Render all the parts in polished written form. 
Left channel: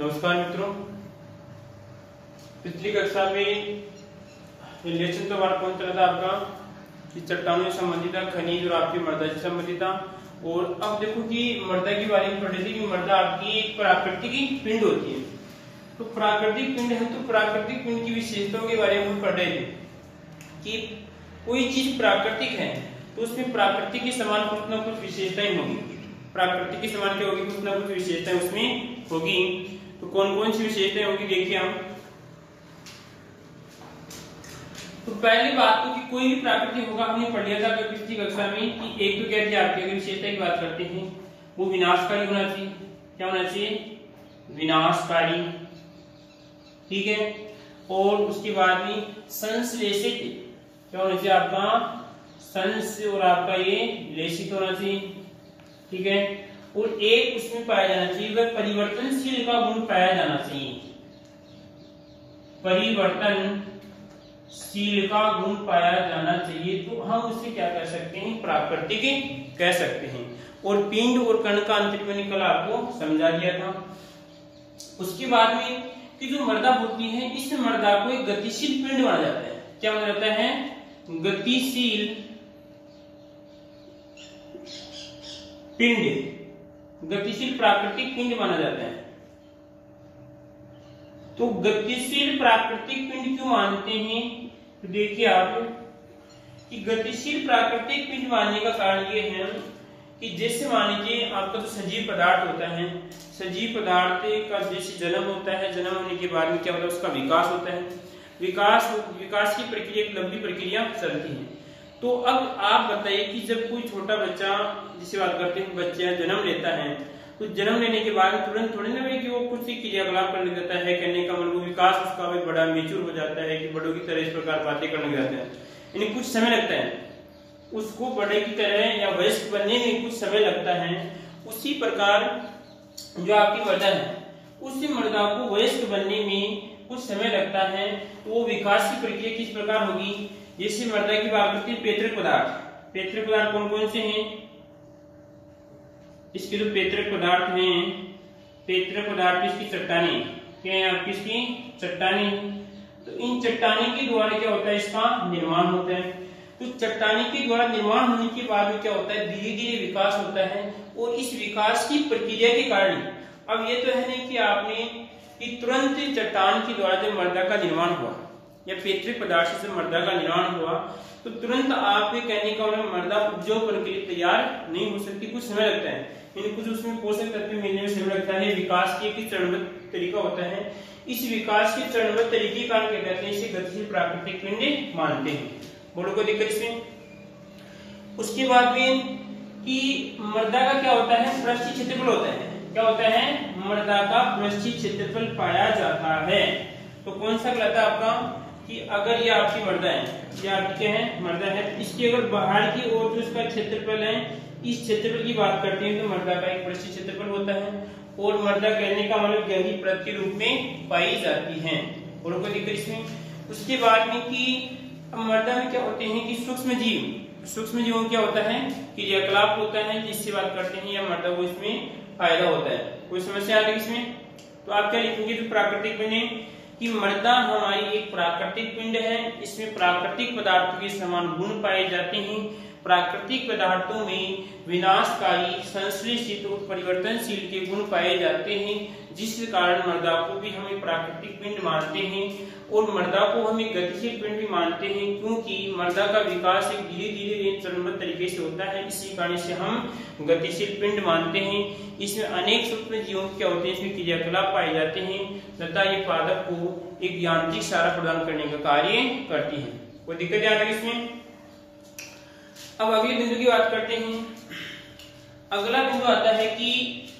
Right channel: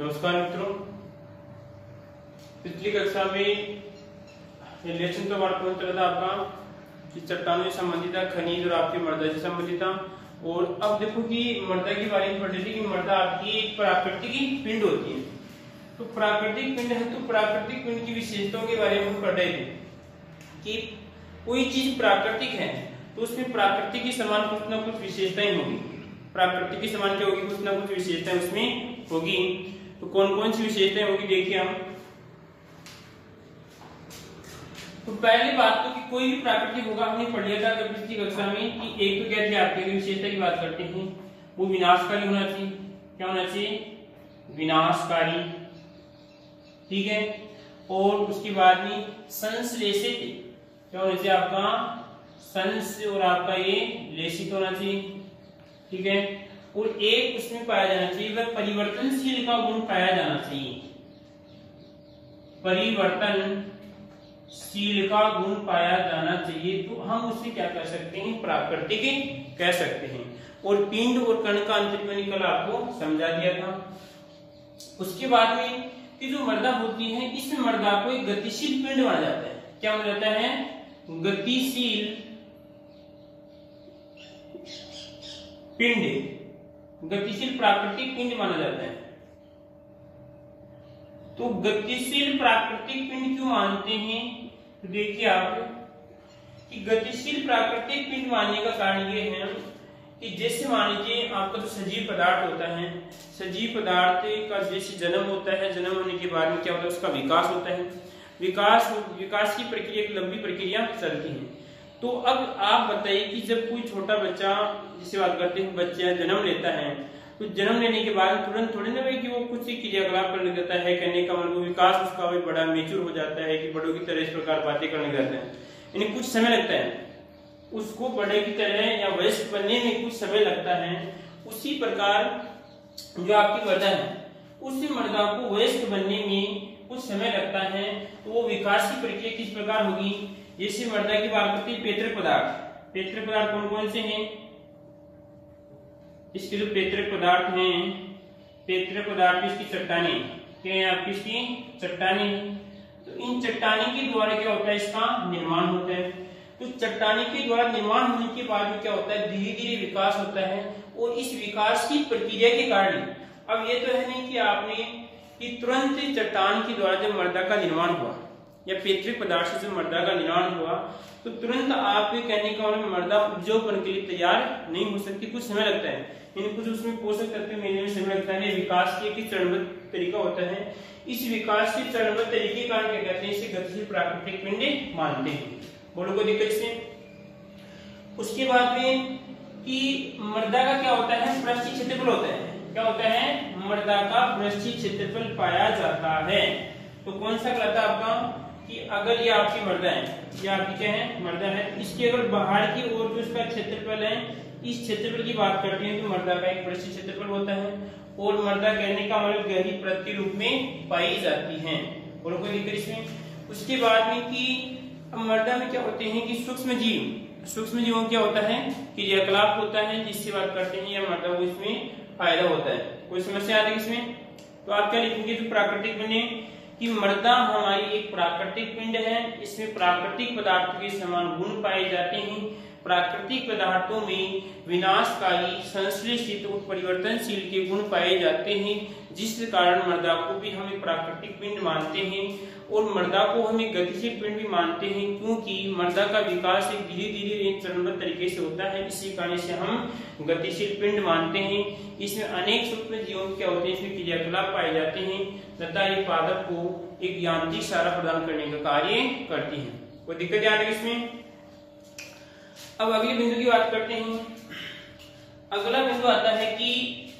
नमस्कार मित्रों, पिछली कक्षा में लेसन तो बात कौन चला था आपका कि चट्टानों से संबंधित था, खनिज और आपकी मृदा से संबंधित था। और अब देखो कि मृदा के बारे में पढ़ रही थी कि मृदा आपकी एक प्राकृतिक पिंड होती है। तो प्राकृतिक पिंड है तो प्राकृतिक पिंड की विशेषताओं के बारे में हम पढ़ रहे थे कि कोई चीज प्राकृतिक है तो उसमें प्राकृतिक के समान कुछ ना कुछ विशेषताएं होगी। प्राकृतिक के समान क्या होगी, कुछ ना कुछ विशेषताएं उसमें होगी। तो कौन कौन सी विशेषताएं होगी देखिए हम। तो पहली बात तो कि कोई भी प्राकृतिक होगा, हमने पढ़ लिया था पिछली कक्षा में कि एक तो क्या आपकी विशेषता की बात करते हैं वो विनाशकारी होना चाहिए। क्या होना चाहिए? विनाशकारी, ठीक है। और उसके बाद में संश्लेषित, क्या होना चाहिए आपका? संस और आपका ये लेशित होना चाहिए, ठीक है। और एक उसमें पाया जाना चाहिए वह परिवर्तनशील का गुण पाया जाना चाहिए। परिवर्तनशील का गुण पाया जाना चाहिए तो हम उससे क्या कर सकते हैं? प्राकृतिक कह सकते हैं। और पिंड और कण का अंतर मैंने कल आपको समझा दिया था। उसके बाद में कि जो मृदा होती है इस मृदा को एक गतिशील पिंड माना जाता है। क्या माना जाता है? गतिशील पिंड, गतिशील प्राकृतिक पिंड माना जाता है। तो गतिशील प्राकृतिक पिंड क्यों मानते हैं? तो देखिए आप कि गतिशील प्राकृतिक पिंड मानने का कारण ये है कि जैसे मान लीजिए आपका जो सजीव पदार्थ होता है, सजीव पदार्थ का जैसे जन्म होता है, जन्म होने के बाद में क्या होता है? उसका विकास होता है। विकास की प्रक्रिया एक लंबी प्रक्रिया चलती है। तो अब आप बताइए कि जब कोई छोटा बच्चा, जिसे बात करते हैं बच्चा जन्म लेता है, तो जन्म लेने के बाद तुरंत थोड़ी ना कि वो कुछ क्रियाकलाप करने देता है, करने का मतलब विकास उसका भी बड़ा मेच्योर हो जाता है कि बड़ों की तरह इस प्रकार बातें करने जाते हैं। यानी कुछ समय लगता है उसको बड़े की तरह या वयस्क बनने में, कुछ समय लगता है। उसी प्रकार जो आपकी मृदा है उसी मृदा को वयस्क बनने में कुछ समय लगता है। तो वो विकास की प्रक्रिया किस प्रकार होगी? जैसे मृदा की बात करते हैं पेतृक पदार्थ। पेतृक पदार्थ कौन कौन से हैं? इसके जो पेतृक पदार्थ हैं, पेतृक पदार्थ इसकी चट्टानी, क्या है आपकी इसकी चट्टानी। तो इन चट्टानी के द्वारा क्या होता है? इसका निर्माण होता है। तो चट्टानी के द्वारा निर्माण होने के बाद में क्या होता है? धीरे धीरे विकास होता है। और इस विकास की प्रक्रिया के कारण अब ये तो है नहीं कि आपने कि तुरंत चट्टान के द्वारा जब मृदा का निर्माण हुआ या पेतृक पदार्थ से मृदा का निर्माण हुआ तो तुरंत आपके कहने का मृदा उपजाऊपन के लिए तैयार नहीं हो सकती, कुछ समय लगता है। कुछ उसमें पोषक तत्व मिलने में समय लगता है। विकास की एक चरणबद्ध तरीका होता है। इस विकास के चरणबद्ध तरीके का क्या कहते हैं? इसे गतिशील प्राकृतिक पिंड मानते हैं। बोलो कोई दिक्कत इसमें। उसके बाद में कि मृदा का क्या होता है? पृष्ठीय क्षेत्रफल होता है। क्या होता है? मृदा का पृष्ठीय क्षेत्रफल पाया जाता है। तो कौन सा कहलाता है आपका? कि अगर ये आपकी मृदा है, ये आपकी क्या है? मृदा है। इसकी अगर बाहर की ओर जो इसका क्षेत्रफल है, इस क्षेत्रफल की बात करते हैं तो मृदा का एक पृष्ठीय क्षेत्रफल होता है। और मृदा कहने का मतलब गहरी परत के रूप में पाई जाती है। और कोई दिक्कत इसमें। उसके बाद में कि मृदा में क्या होते हैं कि सूक्ष्म जीवों क्या होता है? क्रियाकलाप होता है, जिससे बात करते हैं या मृदा को इसमें फायदा होता है। कोई समस्या आ रही है इसमें? तो आप क्या लिखेंगे? प्राकृतिक पिंड कि मृदा हमारी एक प्राकृतिक पिंड है। इसमें प्राकृतिक पदार्थों के समान गुण पाए जाते हैं। प्राकृतिक पदार्थों में विनाशकारी, संश्लेषित और परिवर्तनशील के गुण पाए जाते हैं, जिस कारण मृदा को भी हम एक प्राकृतिक पिंड मानते हैं। और मृदा को हम एक गतिशील पिंड भी मानते हैं क्योंकि मृदा का विकास एक धीरे धीरे चरणबद्ध तरीके से होता है। इसी कारण से हम गतिशील पिंड मानते हैं। इसमें अनेक सूक्ष्म जीवों क्या होते हैं? इसमें क्रियाकलाप पाए जाते हैं तथा ये पादप को एक यांत्रिक सहारा प्रदान करने का कार्य करती है। कोई दिक्कत याद है इसमें? अब अगले बिंदु की बात करते हैं। अगला बिंदु आता है कि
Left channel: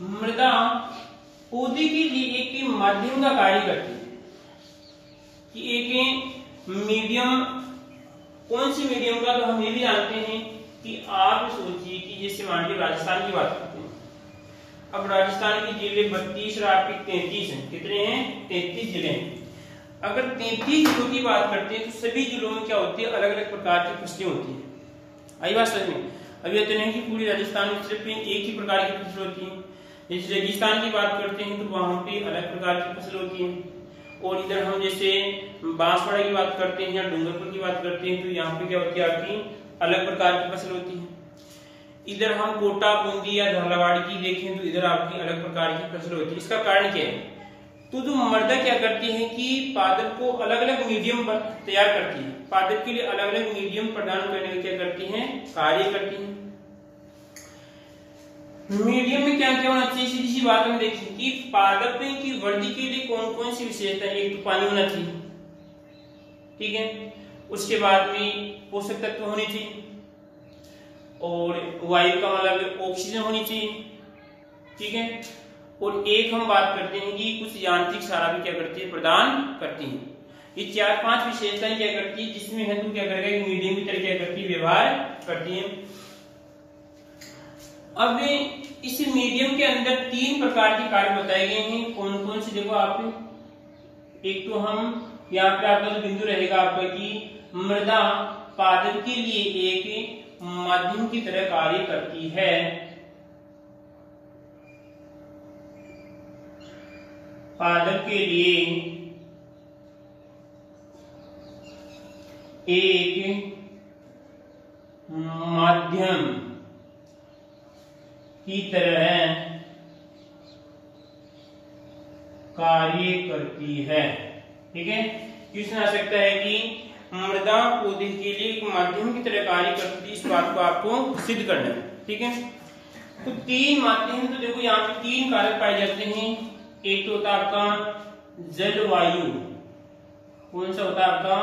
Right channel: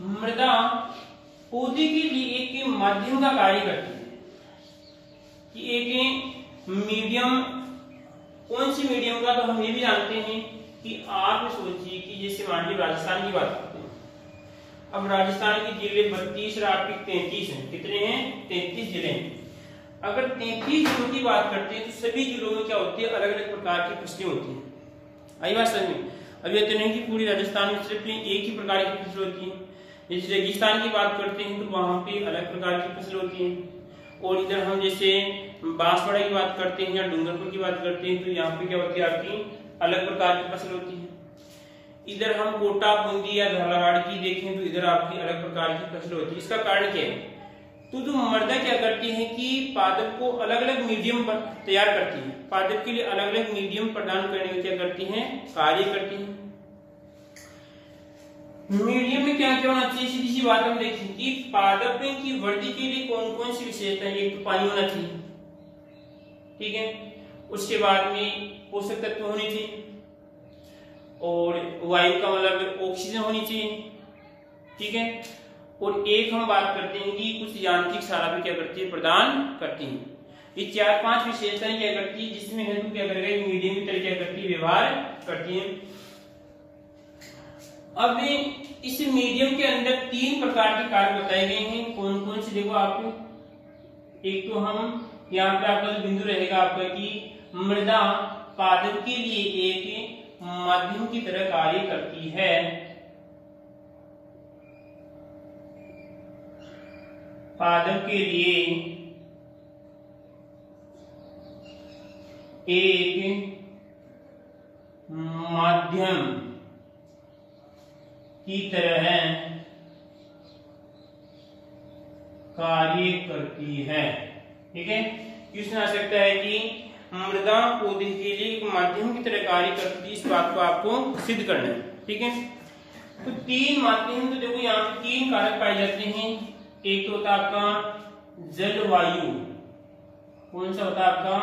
मृदा पौधे के लिए एक माध्यम का कार्य करती है। कि एक मीडियम, कौन सी मीडियम का? तो हम ये भी जानते हैं कि आप सोचिए कि जैसे मान लीजिए राजस्थान की बात करते हैं। अब राजस्थान की जिले 32 और आपके 33 हैं। कितने हैं? 33 जिले हैं। अगर 33 जिलों की बात करते हैं तो सभी जिलों में क्या होती है? अलग अलग प्रकार की फसलें होती है। आई बात समझ में? अब ये तो नहीं कि पूरी राजस्थान में सिर्फ एक ही प्रकार की फसल होती है। जैसे रेगिस्तान की बात करते हैं तो वहां पे अलग प्रकार की फसल होती है, और इधर हम जैसे बांसवाड़ा की बात करते हैं या डूंगरपुर की बात करते हैं तो यहाँ पे क्या होती है आपकी अलग प्रकार की फसल होती है। इधर हम कोटा, बूंदी या झालावाड़ की देखें तो इधर आपकी अलग प्रकार की फसल होती है। इसका कारण क्या है? तो जो मृदा क्या करती है कि पादप को अलग अलग मीडियम तैयार करती है, पादप के लिए अलग अलग मीडियम प्रदान करने का क्या करती है, कार्य करती है। मीडियम में क्या क्या होना चाहिए, सीधी सी बात हम देखें कि पादप की वृद्धि के लिए कौन कौन सी विशेषता है। एक तो पानी होना चाहिए, ठीक है, उसके बाद में पोषक तत्व होने चाहिए, और वायु का मतलब ऑक्सीजन होनी चाहिए, ठीक है, और एक हम बात करते हैं कि कुछ यांत्रिक सारा भी क्या करती है, प्रदान करती है। ये 4-5 विशेषताएं क्या करती है, जिसमें है तो क्या करेगा मीडियम की तरह क्या करती है, व्यवहार करती है। अब इस मीडियम के अंदर 3 प्रकार के कार्य बताए गए हैं। कौन कौन से देखो आपको, एक तो हम यहाँ पे आपका जो बिंदु रहेगा आपका कि मृदा पादप के लिए एक माध्यम की तरह कार्य करती है। पादप के लिए एक माध्यम की तरह कार्य करती है, ठीक है। क्वेश्चन आ सकता है कि मृदा पौधे के लिए एक माध्यम की तरह कार्य करती है, इस बात को आपको सिद्ध करना है, ठीक है। तो 3 माध्यम, तो देखो यहाँ पे 3 कारक पाए जाते हैं। एक तो होता है आपका जलवायु, कौन सा होता है आपका,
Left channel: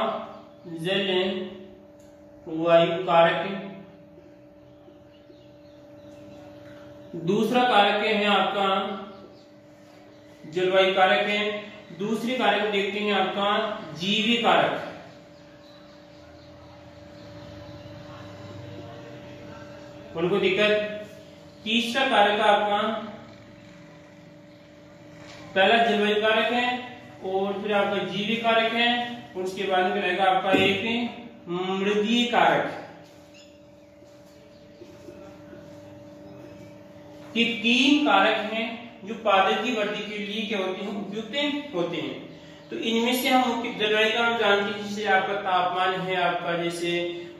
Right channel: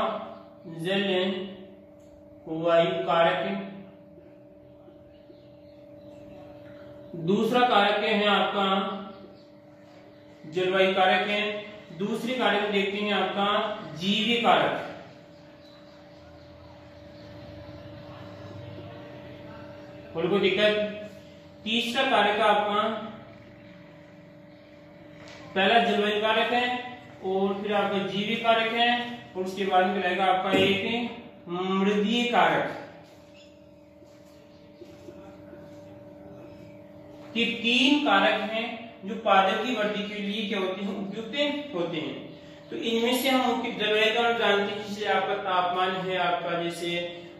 जलवायु कारक। दूसरा कारक है आपका जलवायु कारक है। दूसरे कारक को देखते हैं आपका जीवी कारक। कोई दिक्कत? तीसरा कारक आपका, पहला जलवायु कारक है और फिर आपका जीवी कारक है, और उसके बाद में रहेगा आपका एक मृदीय कारक। कि 3 कारक हैं जो पादप की वृद्धि के लिए क्या होते हैं, उपयुक्त होते हैं। तो इनमें से हम उनकी जलवायु का जानते हैं, जैसे आपका तापमान है आपका, जैसे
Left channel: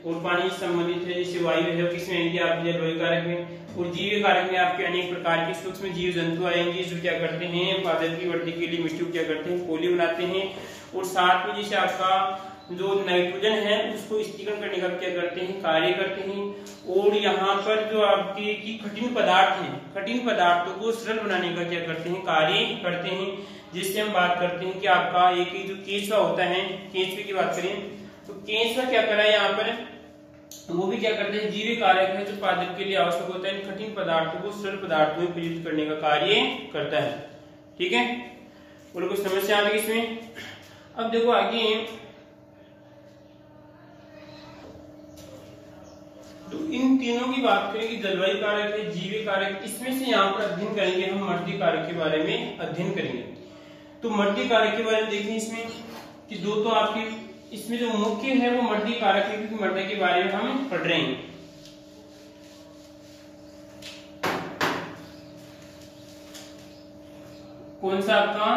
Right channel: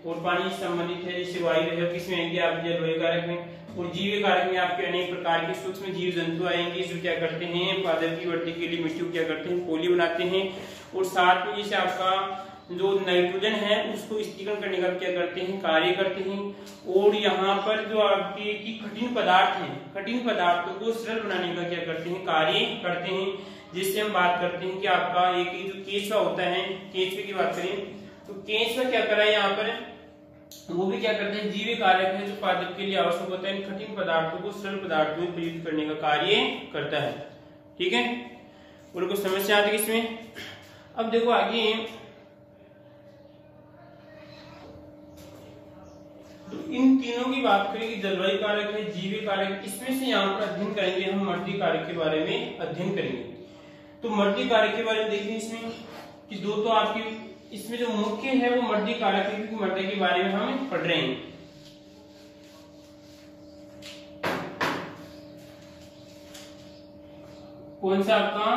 और पानी से संबंधित है, जैसे वायु है, किसमें आएंगे आपके जलवायु कारक में। और जीव कारक में आपके अनेक प्रकार के सूक्ष्म जीव जंतु आएंगे जो क्या करते हैं, पादप की वृद्धि के लिए मिट्टी को क्या करते हैं, पोली बनाते हैं। और साथ में जैसे आपका जो नाइट्रोजन है उसको स्थिरीकरण करने का क्या करते हैं, कार्य करते हैं। और यहाँ पर जो आपके की कठिन पदार्थ है, कठिन पदार्थों को सरल बनाने का क्या करते हैं, कार्य करते हैं। जिससे हम बात करते हैं कि आपका एक जो केंचुआ होता है, केंचुए की बात करें तो केंचुआ क्या करा है यहाँ पर, वो भी क्या करते हैं, जीव कारक है जो पादप के लिए आवश्यक होता है, कठिन पदार्थों को सरल पदार्थों में परिवर्तित करने का कार्य करता है, ठीक है। और कुछ समस्या आ गई इसमें। अब देखो आगे, तो इन तीनों की बात करें कि जलवायु कारक है, जीवी कारक, इसमें से यहाँ पर अध्ययन करेंगे हम मृदीय कारक के बारे में अध्ययन करेंगे। तो मृदीय कारक के बारे में देखें इसमें कि दो तो आपकी इसमें जो मुख्य है वो मृदीय कारक है, क्योंकि मृदा के बारे में हम पढ़ रहे हैं। कौन सा आपका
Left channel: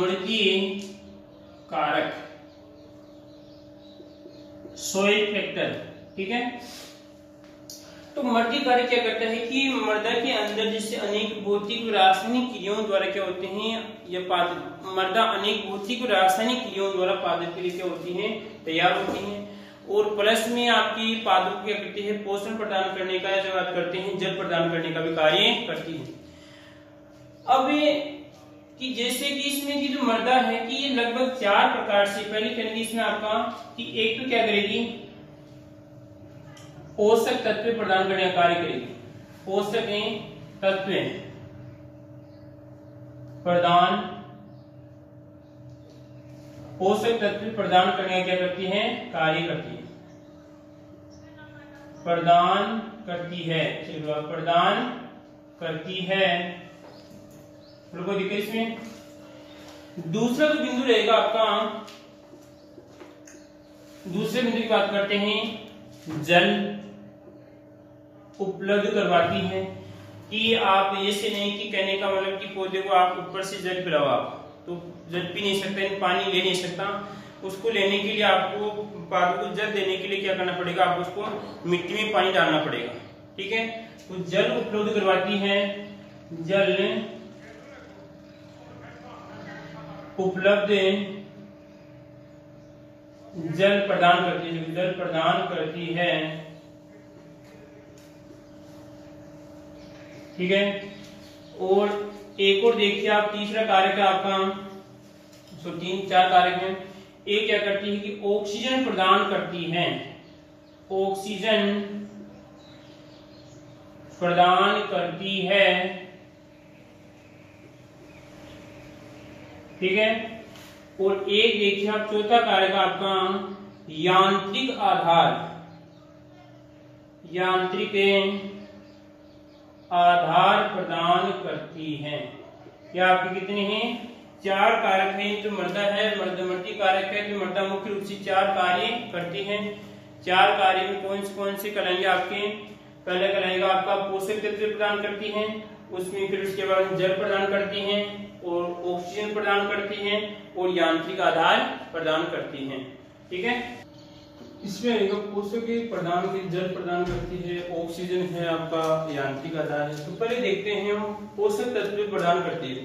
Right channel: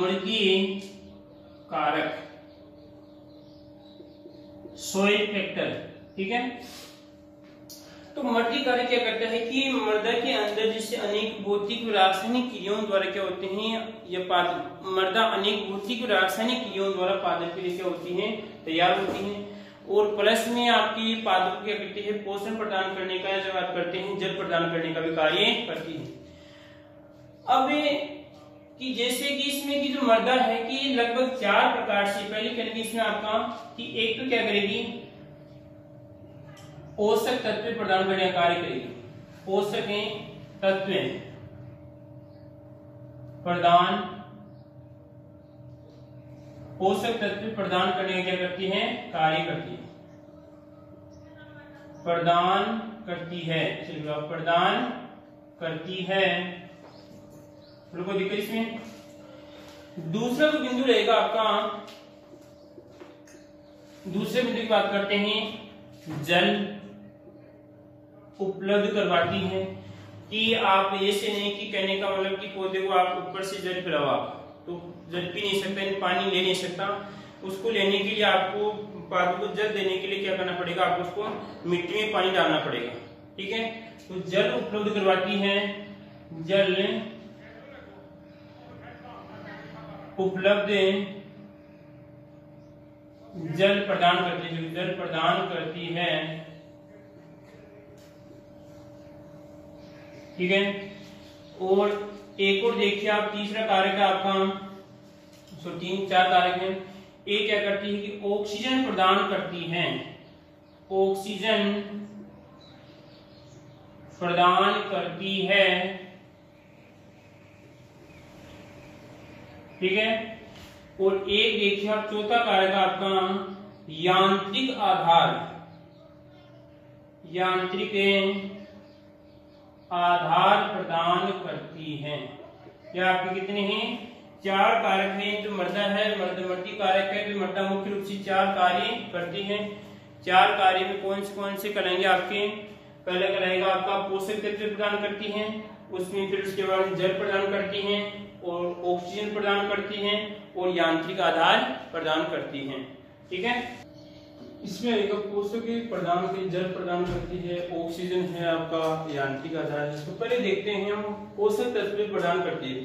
मृदीय कारक, सॉइल फैक्टर, ठीक है। तो मृदीय कारक क्या करता है कि मृदा के अंदर जैसे अनेक भौतिक रासायनिक क्रियाओं द्वारा क्या होते हैं, या मृदा अनेक भौतिक रासायनिक क्रियाओं द्वारा पादप के लिए क्या होती है, तैयार होती है। और प्लस में आपकी पादप को क्या करती है, पोषण प्रदान करने का, जब बात करते हैं जल प्रदान करने का भी कार्य करती है। अब कि जैसे कि इसमें की जो मृदा है कि लगभग 4 प्रकार से, पहले करेंगे इसमें आपका कि एक तो क्या करेगी, पोषक तत्व प्रदान करने का कार्य करेगी। पोषक तत्व प्रदान, पोषक तत्व प्रदान करने का क्या करती है, कार्य करती है, प्रदान करती है, चलिए प्रदान करती है। कोई दिक्कत इसमें? दूसरा जो बिंदु रहेगा आपका, दूसरे बिंदु की बात करते हैं, जल उपलब्ध करवाती है। कि आप ऐसे नहीं कि कहने का मतलब कि पौधे को आप ऊपर से जल पिलाओ, आप तो जल पी नहीं सकता, पानी ले नहीं सकता। उसको लेने के लिए आपको पौधों को जल देने के लिए क्या करना पड़ेगा, आपको उसको मिट्टी में पानी डालना पड़ेगा। ठीक है, तो जल उपलब्ध करवाती है, जल उपलब्ध जल प्रदान करती है, जल प्रदान करती है। ठीक है, और एक और देखिए आप तीसरा कारक है आपका, तो 3-4 कारक हैं। एक क्या करती है कि ऑक्सीजन प्रदान करती है, ऑक्सीजन प्रदान करती है। ठीक है, और एक देखिए आप चौथा कारक आपका यांत्रिक आधार, यांत्रिक आधार प्रदान करती है। क्या आपके कितने हैं, 4 कारक हैं। जो मृदा है, मध्यवर्ती कारक है, जो मृदा मुख्य रूप से 4 कार्य करती है। 4 कार्य में कौन से कहलाएंगे आपके, पहले कहलाएगा आपका पोषक तत्व प्रदान करती है, उसमें फिर उसके बाद जल प्रदान करती है और ऑक्सीजन प्रदान करती हैं और यांत्रिक आधार प्रदान करती हैं। ठीक है, इसमें पोषक प्रदान के जल प्रदान करती है, ऑक्सीजन है आपका, यांत्रिक आधार है। तो पहले देखते हैं हम पोषक तत्व प्रदान करती है।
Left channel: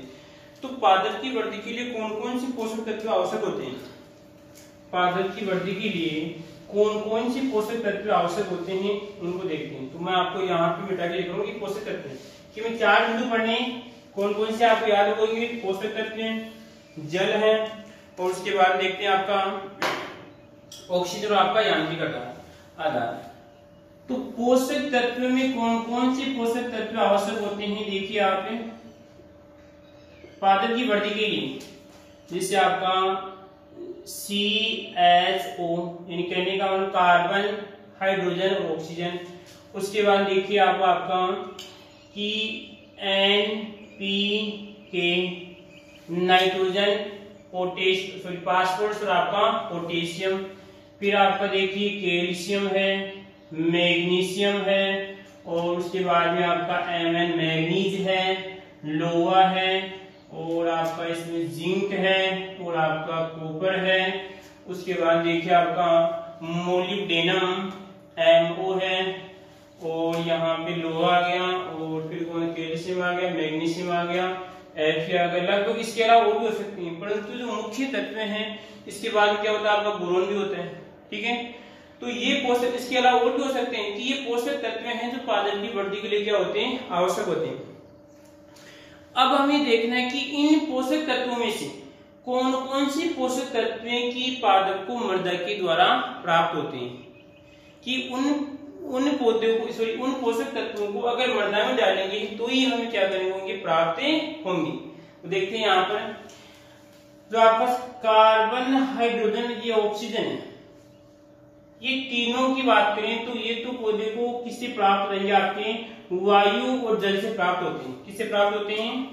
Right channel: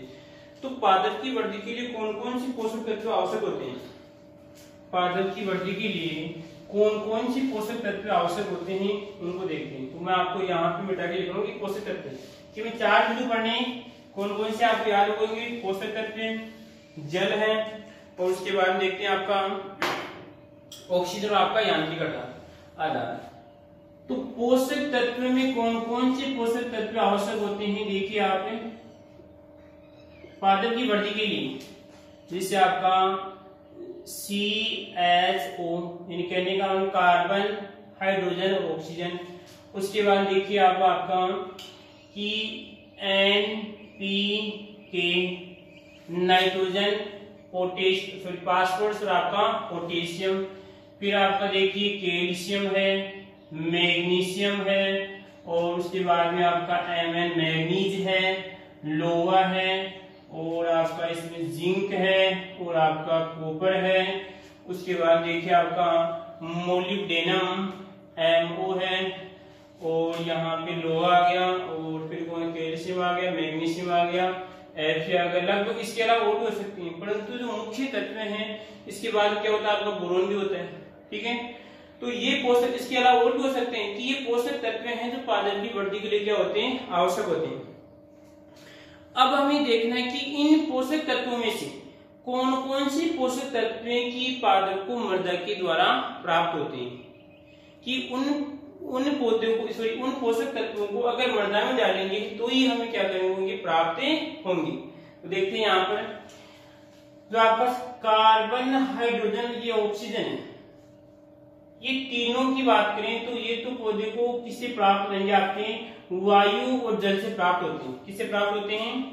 तो पादप की वृद्धि के लिए कौन कौन से पोषक तत्व आवश्यक होते हैं, पादप की वृद्धि के लिए कौन कौन से पोषक तत्व आवश्यक होते हैं उनको देखते हैं। तो मैं आपको यहाँ पे मिटा के लिख रहा हूँ कि पोषक तत्व कि मैं 4 बिंदु पढ़ने, कौन कौन से आपको याद होंगे, पोषक तत्व, जल है, और उसके बाद देखते हैं आपका ऑक्सीजन और आपका यांत्रिक आधार। तो पोषक तत्व में कौन कौन से पोषक तत्व आवश्यक होते हैं, देखिए आप पादप की वृद्धि के लिए, जिससे आपका CHO यानी कहने का मतलब कार्बन, हाइड्रोजन और ऑक्सीजन। उसके बाद देखिए आप आपका कि NPK नाइट्रोजन, फास्फोरस और आपका पोटेशियम। फिर आपका देखिए कैल्शियम है, मैग्नीशियम है, और उसके बाद में आपका Mn मैग्नीज है, लोहा है, और आपका इसमें जिंक है, और आपका कॉपर है। उसके बाद देखिए आपका मोलिब्डेनम MO है, और यहाँ पे लोहा आ गया, और फिर कौन कैल्शियम आ गया, मैग्नीशियम आ गया, Fe आ गया। लगभग इसके अलावा और भी हो सकती है, परंतु जो मुख्य तत्व हैं इसके बाद क्या होता है आपका बोरोन भी होता है। ठीक है, तो ये पोषक, इसके अलावा और भी हो सकते हैं कि ये पोषक तत्व हैं जो पादप की वृद्धि के लिए क्या होते हैं, आवश्यक होते हैं। अब हमें देखना है कि इन पोषक तत्वों में से कौन कौन से पोषक तत्व की पादप को मृदा के द्वारा प्राप्त होते हैं, कि उन पौधों को उन पोषक तत्वों को अगर मृदा में डालेंगे तो ही हमें क्या करेंगे, प्राप्त होंगे। तो देखते हैं यहाँ पर जो आपका कार्बन, हाइड्रोजन, ये ऑक्सीजन है, ये तीनों की बात करें तो ये तो पौधे को किससे प्राप्त होंगे, आपके वायु और जल से प्राप्त होते हैं। किससे प्राप्त होते हैं,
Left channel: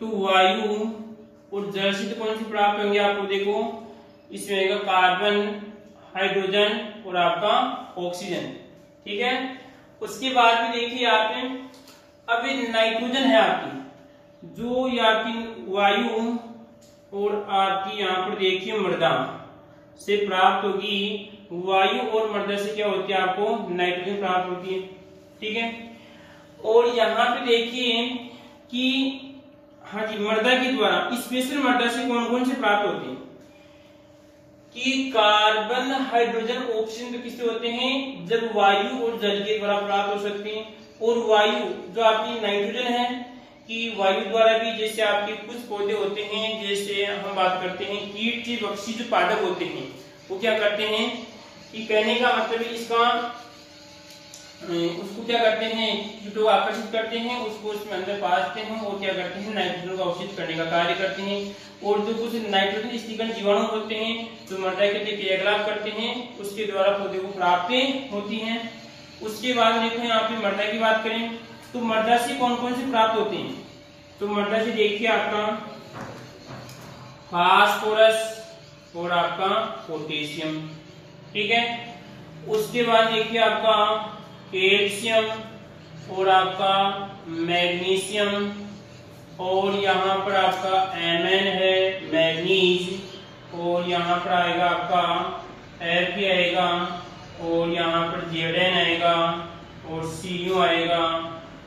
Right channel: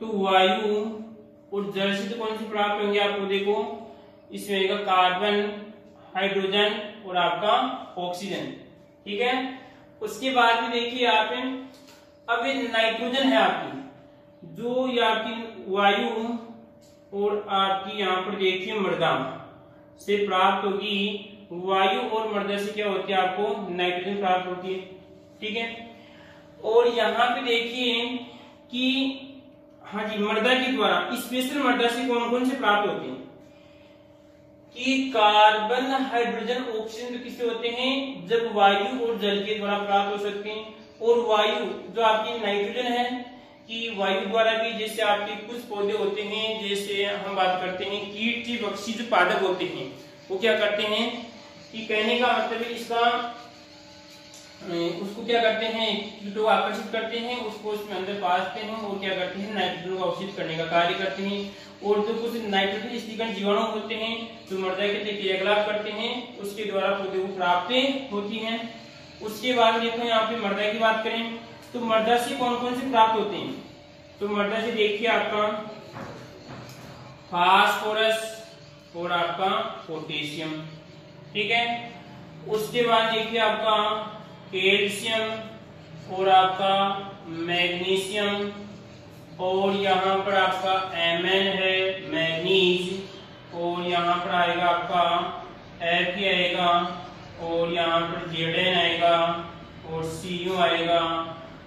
तो वायु और जल से तो कौन से प्राप्त होंगे आप पौधे को, इसमें कार्बन, हाइड्रोजन और आपका ऑक्सीजन। ठीक है, उसके बाद में देखिए आप अब नाइट्रोजन है आपकी, जो ये आपकी वायु और आपकी यहाँ पर देखिए मृदा से प्राप्त होगी। वायु और मृदा से क्या होती है, आपको नाइट्रोजन प्राप्त होती है। ठीक है, और यहाँ पे देखिए कि हाँ जी, मृदा के द्वारा स्पेशल मृदा से कौन कौन से प्राप्त होते हैं, कि कार्बन, हाइड्रोजन, ऑक्सीजन तो किससे होते हैं, जब वायु और जल के द्वारा प्राप्त हो सकते हैं। और वायु जो आपकी नाइट्रोजन है कि वायु द्वारा भी, जैसे आपके कुछ पौधे होते हैं, जैसे हम बात करते हैं कीट की बक्सी जो पादप होते हैं वो क्या करते हैं, कि कहने का मतलब इसका उसको क्या करते हैं, कीटों को आकर्षित करते हैं, उसको उसमें अंदर पासते हैं और क्या करते हैं, नाइट्रोजन का अवशोषित करने का कार्य करते हैं। और जो कुछ नाइट्रोजन स्थिरीकरण जीवाणु होते हैं जो मृदा के क्रियाकलाप करते हैं, उसके द्वारा पौधे को प्राप्त होती हैं। उसके बाद देखो यहाँ पे मृदा की बात करें तो मृदा से कौन कौन से प्राप्त होते हैं, तो मृदा से देखिए आपका फास्फोरस और आपका पोटेशियम। ठीक है, उसके बाद देखिए आपका कैल्शियम, और आपका मैग्नीशियम, और यहाँ पर आपका Mn है मैग्नीज, और यहाँ पर आएगा आपका Fe आएगा, और यहाँ पर Zn आएगा, और Cu आएगा,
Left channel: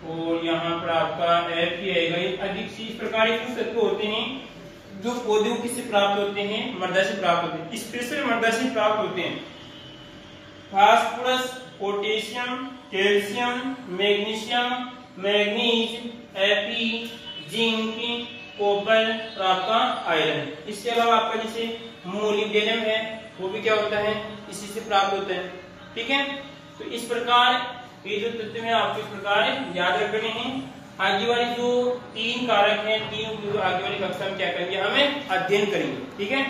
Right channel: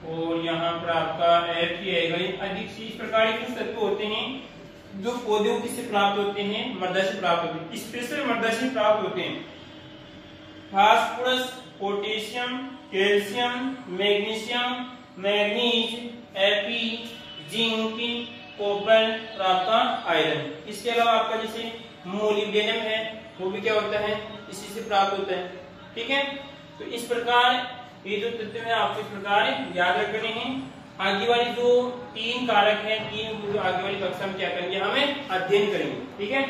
और यहाँ पर आपका Fe आएगा। अधिक से इस प्रकार के कुछ तत्व होते हैं जो पौधों किससे प्राप्त होते हैं, मृदा से प्राप्त होते हैं, स्पेशल मृदा से प्राप्त होते हैं। Phosphorus, potassium, calcium, magnesium, manganese, Fe, zinc, copper और आपका आयरन। इसके अलावा आपका जैसे मोलिब्डेनम है, वो भी क्या होता है, इसी से प्राप्त होता है। ठीक है, तो इस प्रकार ये जो तत्व है आपको इस प्रकार याद रखने हैं। आगे वाली जो 3 कारक हैं, 3 आगे वाली कक्षा में क्या करेंगे, हमें अध्ययन करेंगे। ठीक है।